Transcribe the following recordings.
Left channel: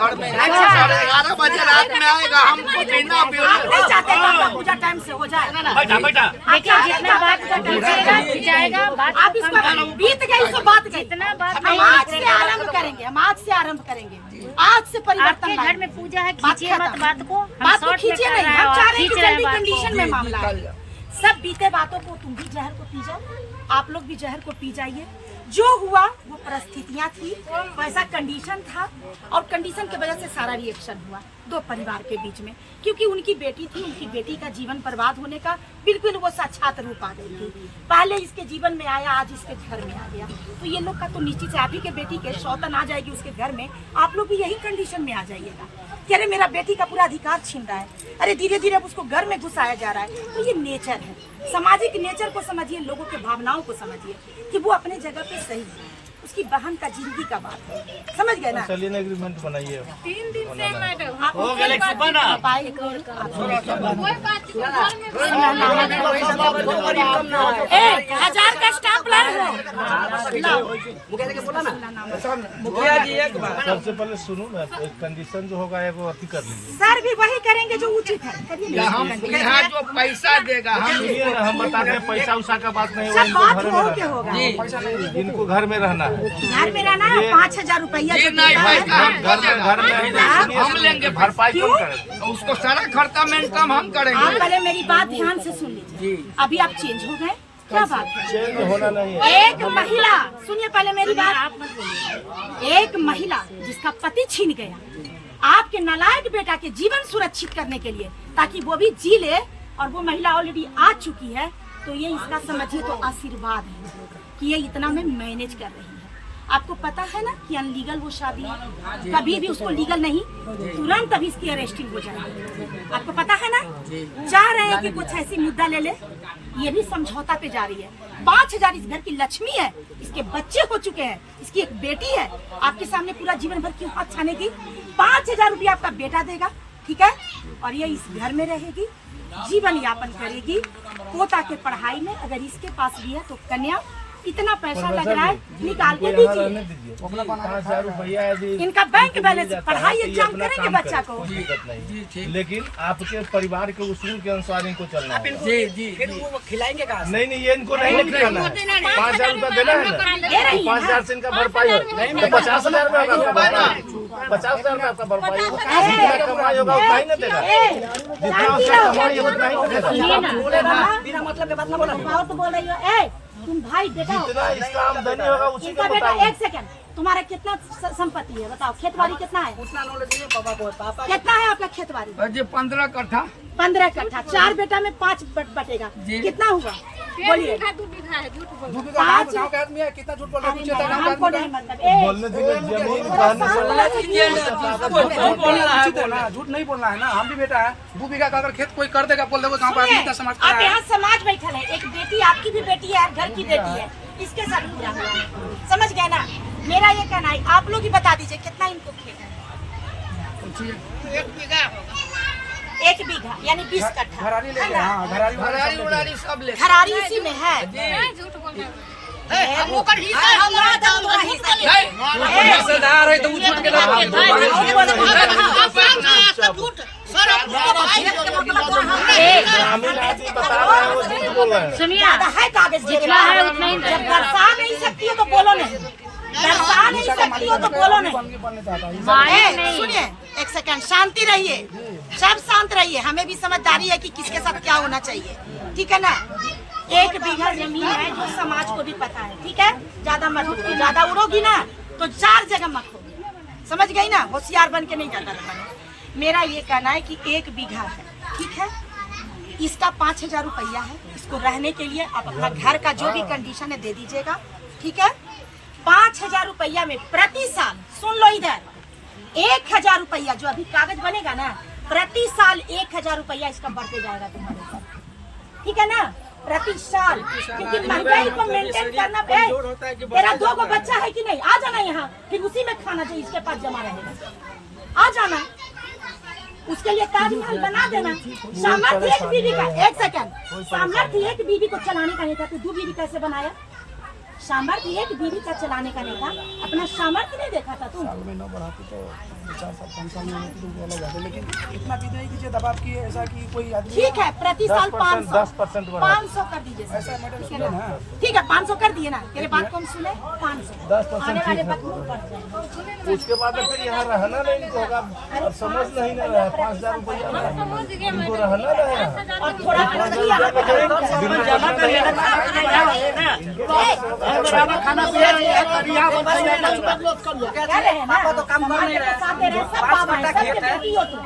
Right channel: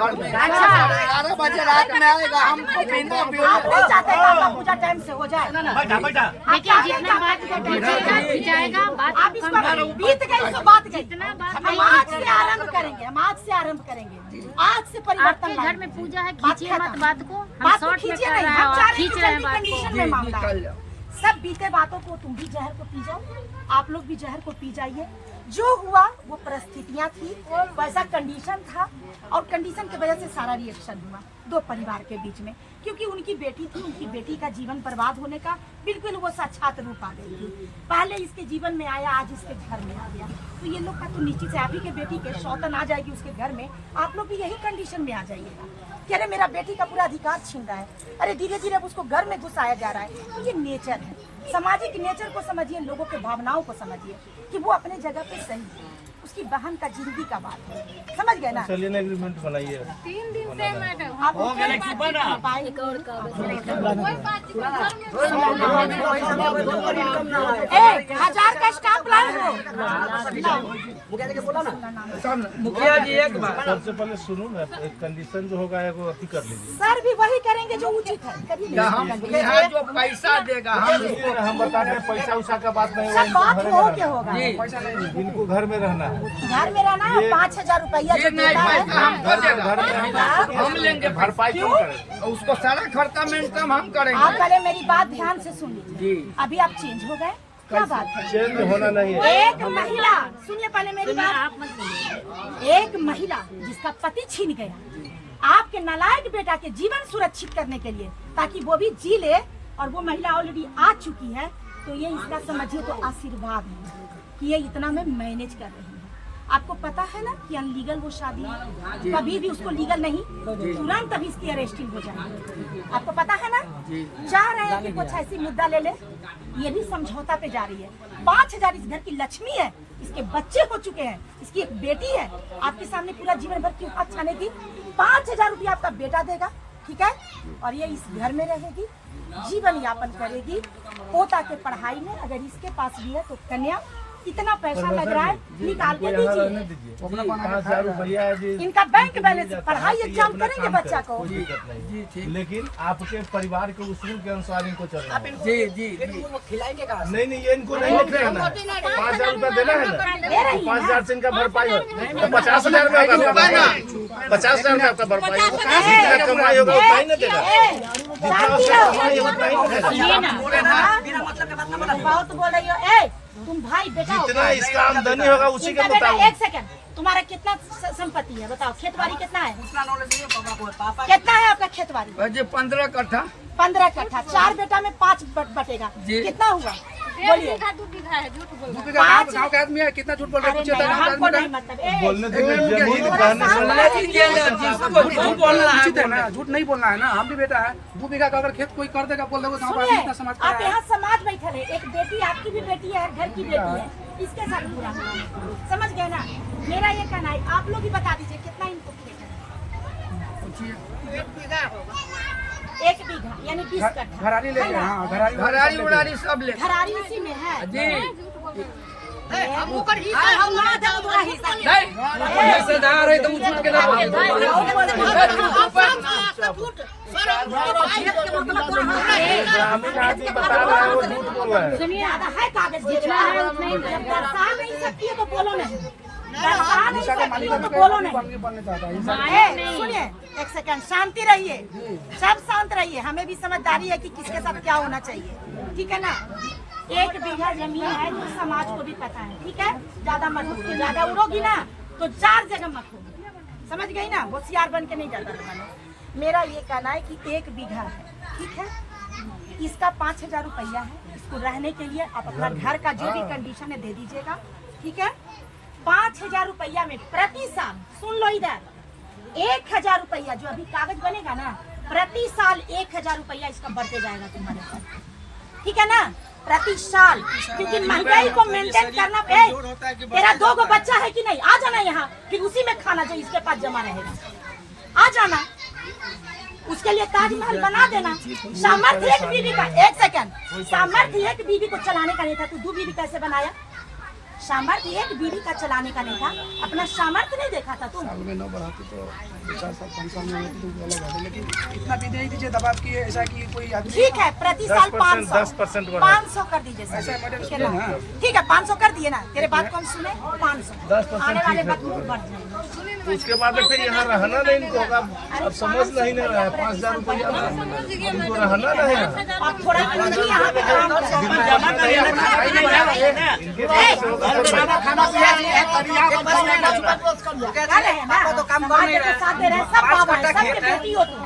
घर में 11 बजे रात में आएगा, हमको बिना आप नहीं चाहते कि आपका पूजा टाइम से हो जाए? देखिए जितना बात का टाइम जाएगा आप इसको बीत गई इसको बात गई। हम आज से आरंभ करेंगे, हम आज से आरंभ करेंगे, आज से परिवर्तन। घर में पूजा है, खींचिए मत बात को, बात को खींचे नहीं, हम चाह रहे हैं कि जल्दी कंडीशन में मामला है। सब बीते बातों को तुम भी जहर को पी जाओ, आप लोग भी जहर को पी जाइए। जो हुआ वो परिस्थितियां थी, वैसा कंडीशन था और कंडीशन की वजह से सारा रिएक्शन हुआ दो परिवार के बीच में, क्योंकि उनकी बेटी थी, उनकी बेटी का जीवन बर्बाद होने का बिल्कुल वो साक्षात रूप आ गई थी। पहले इसके जीवन में आया, आज इसके घर में आ गया, तो ये लोग का तो निश्चित से आप ही के बेटी के सौतन आ जाएगी उसके घर में, आप लोग भी यही कंडीशन में आ जाइएगा कि अरे मेरा बेटी का पूरा अधिकार छीन रहा है, अरे धीरे धीरे उसको घर में घुसाया जा रहा है। तो ये नेचर है, सामाजिक नेचर को समझिए, लोगों के भावनाओं को समझिए कि वो अपने जगह पे सही है, उसकी बहन का जिंदगी का बात है, समझ गए ना? चलिए एग्रीमेंट बनाइए। 3 दिन से हजार का स्टाफ लाए हो। मुखिया जी एक बार सबसे पहले सुनो ना, एक कंडीशन जो होगा वो अति कर लीजिए। सर भी वही करेंगे जो उचित है। हम यहाँ जो पैसा देगा हम बताते हैं, पैसा उसा का बात नहीं होगा, सब इनको बात घर में हो के रहना होगा, है, इनको घर में रहना है। घर में रहना है। 5000 रुपया जी नहीं, पैसा हमको देगा, घर में हम लेंगे, भरपाई कौन करेगा? उसको सारा खर्चा में इनकम हम आप करेंगे। पहले मेरी बात ध्यान से सुन लीजिए। अभी आप चेंज हो गए, क्या बात है? चेंज होना नहीं है। एक महिला, सुनिए पहले मेरी बात, आप मत बोलिए। एक महिला जिसका पति छीन गया, आपके नालायक बेटा के जीवन सुरक्षित करने के लिए, ताकि वो भी जी ले, और वो महिला ऑलरेडी आ चुकी है, तो ये इसका समझिए तो आशीर्वाद है कि ये इतना में मैनेज कर रही है। आपको पता है ना कि अनलीगल वो शादी है, कभी भी उसको लीगल नहीं, तुरंत अभी इसकी अरेस्टिंग हो जाएगी। आपको पता है ना? चाह रहे हैं कि कुछ ऐसी मुद्दा ले ले, ये भी समझौता पे जा रही है। 5000 इस घर की लक्ष्मी है, इसके बच्चे हो चुके हैं, इसकी एक बेटी है, आपके सामने पूरा जीवन भर क्यों हाथ छानेगी? 5000 रुपया आपका बेटा देगा, ठीक है, और ये इस घर में रहेगी, जीवन यापन करेगी। पोता के पढ़ाई में अगर इसके पास भी है तो कन्या, इतना पैसा लग रहा है, निकाल के दीजिए। 5000 रुपया इनका बैंक बैलेंस, पढ़ाई एग्जाम करेंगे बच्चा को। लेकिन आपके परिवार के उसूल के अनुसार इनको चलना है। जी खिलाएंगे का? नहीं, ये इनको नहीं खिलाना है। 5000 रुपया देना है ना, दे रही है 5000 से इनका भरपाई है। 50,000 का 50,000 का आपका भरपाई होगा, जितना कमाई होगा उतना ही ना देगा, जितना उसका कमाई है उतना ही ना देगा। बिना मतलब के बात ना बोला, बहुत बोल रही हो। ए तुम भाई बेटा हो, जितना इसका आमदनी होगा उसी इनका का बेटा, मुताबिक। एक सेकंड, तुम्हारा कितना संपत्ति है बताओ? खेतबाड़ी कितना है? उतना नॉलेज नहीं है पापा को, पापा कितना है आपका खेतबाड़ी? जी 15 कट्ठा। 15 कट्ठा, 4 बेटा में 5 बटेगा, कितना हुआ? बोलिए। 2 बीघा पाँच गाँव के आदमी है, कितना झूठ बोल अरे नहीं, हमको नहीं मतलब। बोलने दीजिए, थोड़ा शांत रहिए। झूठ नहीं बोलना है ना, हम भी बेटा है। 2 बीघा का अगर खेत कोई कर देगा, बोल देगा गाँव का आदमी इतना समाज आप यहाँ समाज बैठल है, एक बेटी, आपकी भी बेटी है, घर की बेटी है, इसके साथ बुरा हुआ है, समझ गए ना? मेरा ये कहना है, आप लोग ही बता दीजिए कितना इनको खेत है? 1 बीघा होगा। 1 बीघा यानी 20 कट्ठा है ना? घरारी उड़ारी सब ले। घरारी इसी में है। हमको कर हिस्सा है, हमारा दाम का हिस्सा है। हिस्सेदार है तो झूठ के सुनिए, है कागज, जितना है उतना ही जब दर्शा नहीं सकती हो तो बोलो नहीं, दर्शा नहीं सकती हो तो बोलो नहीं। सुनिए, एक सेकंड, शांति रहिए, सब शांत रहिए, हमें भी समझदारी है कि किसके साथ क्या होना चाहिए, ठीक है ना? 1 बीघा जमीन है जो समाज को भी पता है, ठीक है? ज्यादा मत उड़ो, ज्यादा उड़ोगी ना तो 4 जगह मत होगी, समझ गई ना? होशियार बन के नहीं जाता रहना। मेरा ये कहना है कि 1 बीघा है, ठीक है, इसका 5000 रुपया है, इसको रहने के लिए आप अपना घर का जो भी कंडीशन है दे दीजिएगा, ठीक है? 5000 रुपया में प्रति साल, सुन लो इधर, 1000 रुपया जो अभी कागज बनेगा ना, प्रति साल 1000 रुपया इसका बढ़ते जाएगा तुम्हारे ऊपर, ठीक है ना? प्रति साल, क्योंकि महंगाई को मेंटेन करना है। तेरा 2 गो बच्चा है कि नहीं? आ जाना यहाँ, फिर उसी में खाना जो इसके पास जमा रहेगा, आ जाना, उसके लिए ताजमहल बना देना। सामर्थ्य एक बीवी का, एक सेकंड, सामर्थ्य एक बीवी को चलाने का नहीं था, तू 2 बीवी कैसे बनाया? सामर्थ्य एक बीवी का चलाने का नहीं था, अपना सामर्थ्य नहीं देखा था तुम? लेकिन इतना भी दे दीजिए दबाव की ऐसा कि कोई आदमी ठीक है, प्रति साल 500 10% 500 कर दीजिए सर, ठीक है ना? ठीक है 500 कर दिए ना, तेरे बात को हम सुने 500 आने वाले वक्त में बढ़ जाएंगे। उसके बाद में फिर यहाँ रहना नहीं होगा। अब समझ नहीं ले रहा है 5,000 रुपया रहना रहेगा। और थोड़ा पूंजी यहाँ पे काम करो। क्या रहे ना तो काम कर नहीं रहे, साथ दे रहे सब बाबा है, सबके बेटी हो तुम।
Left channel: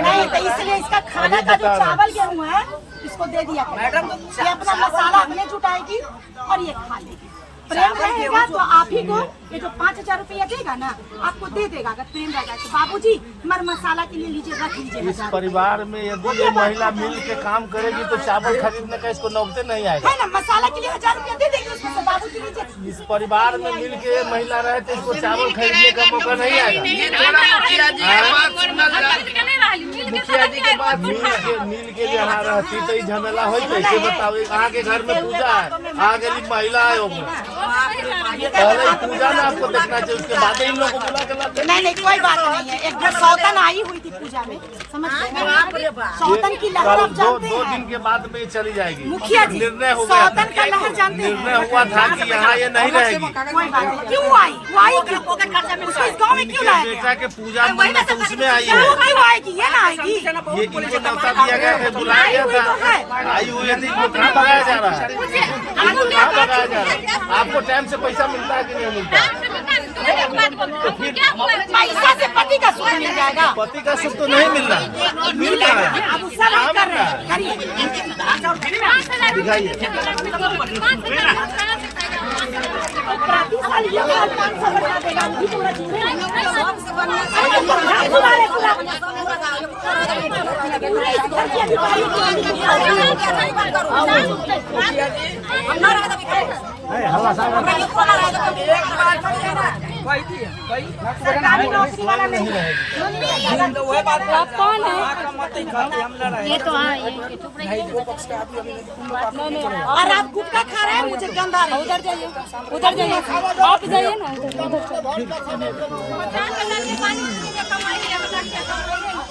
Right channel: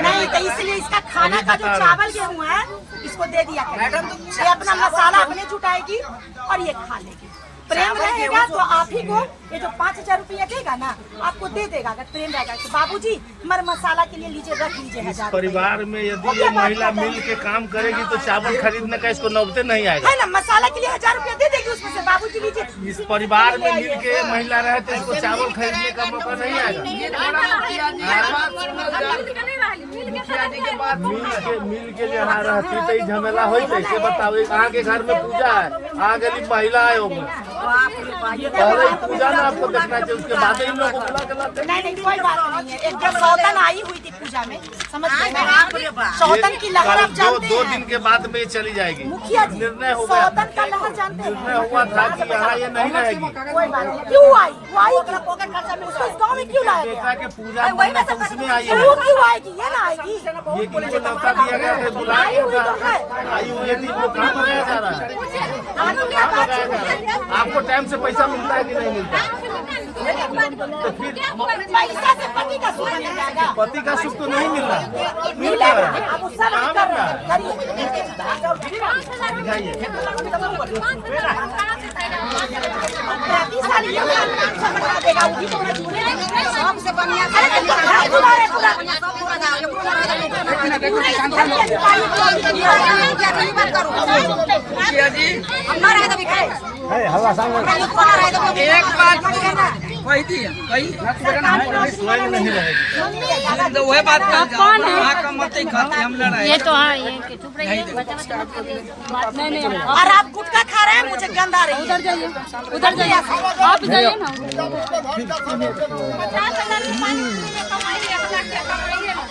नहीं तो इसलिए इसका खाना का जो चावल गेहूँ है इसको दे दिया मैडम, ये अपना मसाला अपने जुटाएगी और ये खा लेगी। प्रेम रहेगा तो आप ही को ये जो 5,000 रुपया देगा ना आपको दे देगा। अगर प्रेम रहेगा तो बाबूजी मर मसाला के लिए लीजिए, रख लीजिए। इस परिवार में यदि ये महिला मिल के काम करेगी तो चावल खरीदने का इसको नौबते नहीं आएगा, है ना? मसाला के लिए 1,000 रुपया दे देगी, उसमें से बाबूजी लीजिए। इस परिवार में मिल के महिला रहे तो इसको चावल खरीदने का मौका नहीं आएगा। मुखिया जी के बात सुनल जाए, मिल के यहाँ रहती तो ये झमेला हो कैसे बताओ। कहाँ के घर में पूजा है, कहाँ गरीब महिला है आपको देखना चाहिए, उसके बाद ही नहीं कोई बात नहीं है। एक जब सौतन आई हुई थी पूजा में, समझ गए ना? सौतन की लहर आप जानते दो दिन हैं के बाद में ये चली जाएगी। मुखिया जी, निर्णय हो गया, सौतन का लहर जानते हैं। निर्णय हुआ था कि यहाँ ये नहीं रहेगी। कोई बात नहीं, क्यों आई? वो आई क्यों? उसको इस गाँव में क्यों लाया गया? बेटा के पूजा मन्नत तो उसमें आई है। वो क्यों आएगी? ये ना आएगी। ये इनको न्योता दिया गया था, बुलाया गया था, आई हुई है। इनको कहाँ भगाया जा रहा है? इनको कहाँ भगाया जा रहा है? आपको टाइम से पैसा मिलता है कि नहीं मिलता? पैसा से पति का सुख मिल जाएगा। पति का सुख तो नहीं मिल रहा, मिल रहा है। अब उससे बात कर रहे हैं, करिए। दिखाइए। प्रति साल ये 500 बढ़ा देगा, वो भी तो मजबूर है। अरे तो घर दुआरे पूरा पूरे इस घर के अधिकारी को मुखिया जी एक बात कही थी, सरकारी नौकरी वाला नहीं है। तो वह बात हम लड़ाई ये तो हाँ, ये और आप गुटखा खा रहे हैं, मुझे गंध आ रही है। उधर जाइए, उधर जाइए, आप जाइए ना। 50,000 की पानी में कमाई, 1 लाख की कमाई है ना।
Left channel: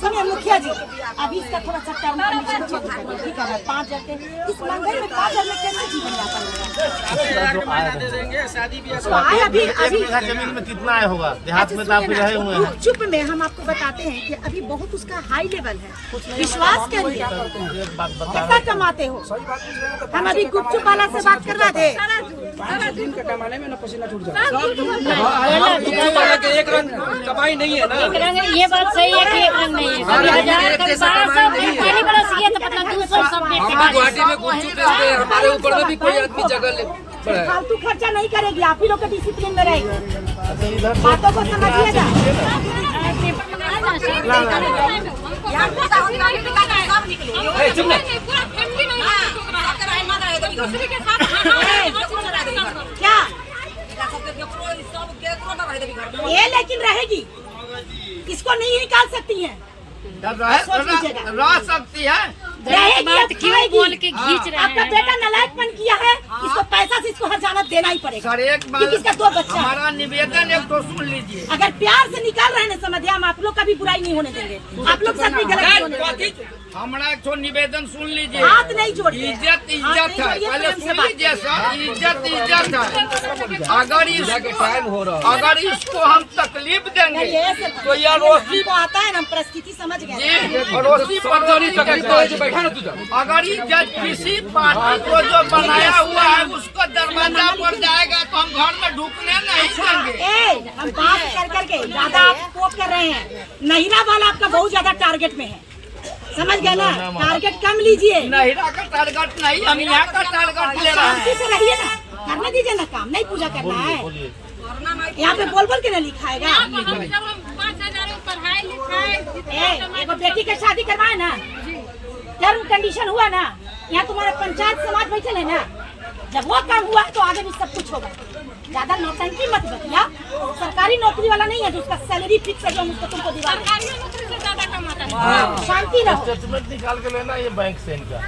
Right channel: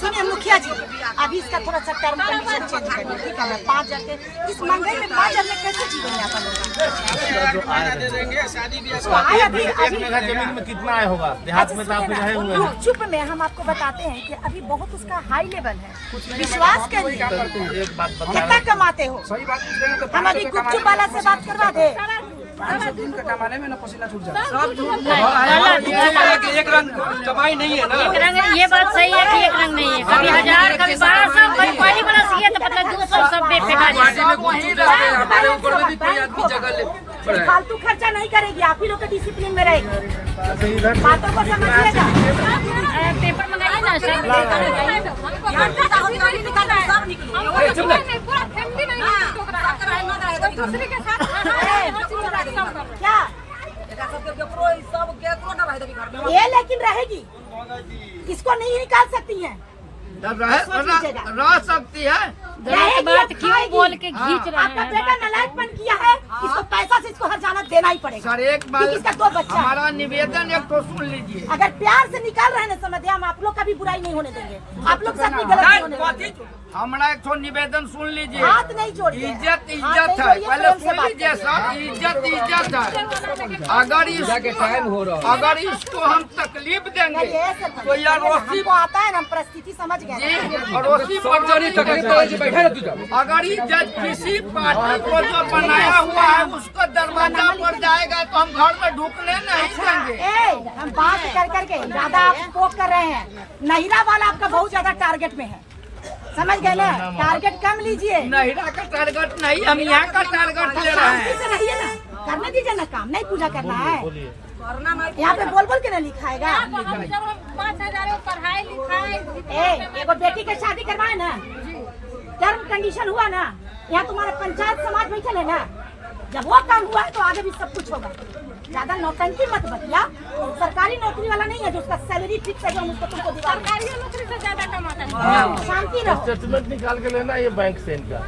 सुनिए मुखिया जी, अभी इसका थोड़ा सा टर्म कंडीशन चेंज करिए, ठीक है ना? 5,000 के इस महंगाई में 5,000 में कैसे जीवन यापन होगा? दे देंगे, शादी भी तो आए अभी एक बीघा जमीन में कितना आया होगा? देहात में तो आप रहे हुए हैं। चुप में हम आपको बताते हैं कि अभी बहुत उसका हाई लेवल है, विश्वास करिए। कितना कमाते हो? हम अभी गुपचुप वाला से बात कर रहे थे। दिन का कमाने में ना पसीना छूट जाता है। एक रंग कमाई नहीं है ना। एक रंग, ये बात सही है कि एक रंग नहीं है। कभी 1,000, कभी 1,200, कभी पानी बरस गया तो पता 200 सब बेटे गुवाहाटी में कुछ हमारे ऊपर में भी कोई आदमी जगह ले फालतू खर्चा नहीं करेगी, आप ही लोग के डिसिप्लिन में रहेंगे। अच्छा, इधर बातों को समझिएगा। क्या ये लेकिन रहेगी, इसको नहीं निकाल सकती हैं। रह सकती है। गलत बात क्यों बोल के खींच रहे आपका हैं? बेटा नालायकपन किया है, इसको पैसा से इसको हर्जाना देना ही पड़ेगा। सर एक क्योंकि इसका 2 बच्चा है। हमारा निवेदन एक तो सुन लीजिए। अगर प्यार से निकाल रहे हैं समझिए, हम आप लोग का भी बुराई नहीं होने देंगे, आप लोग साथ में गलत नहीं होने देंगे। हमारा एक तो निवेदन सुन लीजिए। हाथ नहीं जोड़िए। इज्जत इज्जत है, पहले सुन लीजिए सर। इज्जत इज्जत है। अगर इसको हम तकलीफ देंगे तो यह रोसी हमको आता है ना, हम परिस्थिति समझ गए। जी रोसी पर अगर इज्जत किसी पार्टी को जो बनाया हुआ है उसको दरवाजा पर जाएगा तो हम घर में ढुकने नहीं देंगे। हम बात कर करके ज्यादा आप पोक कर रहे हैं। महिला वाला आपका बहुत ज्यादा टारगेट में है, समझ गए ना? टारगेट कम लीजिए, नहिरा का टारगेट नहीं, हम यहाँ का टारगेट ले रहे शांति हैं। से रहिए ना, करने दीजिए ना काम, नहीं पूजा करना है। यहाँ पे बोल बोल के ना लिखाएगा। एगो बेटी का शादी करवाए ना, टर्म कंडीशन हुआ ना, यहाँ तुम्हारा पंचायत समाज बैठल है ना, जब वो काम हुआ है तो आगे भी सब कुछ होगा। ज्यादा नौटंकी मत बतिया, सरकारी नौकरी वाला नहीं है जो उसका सैलरी फिक्स है जो हम उसको तुमको दिवा दें। सरकारी नौकरी से ज्यादा कमाता है। शांति रहो। स्टेटमेंट निकाल के लेना ये बैंक से इनका।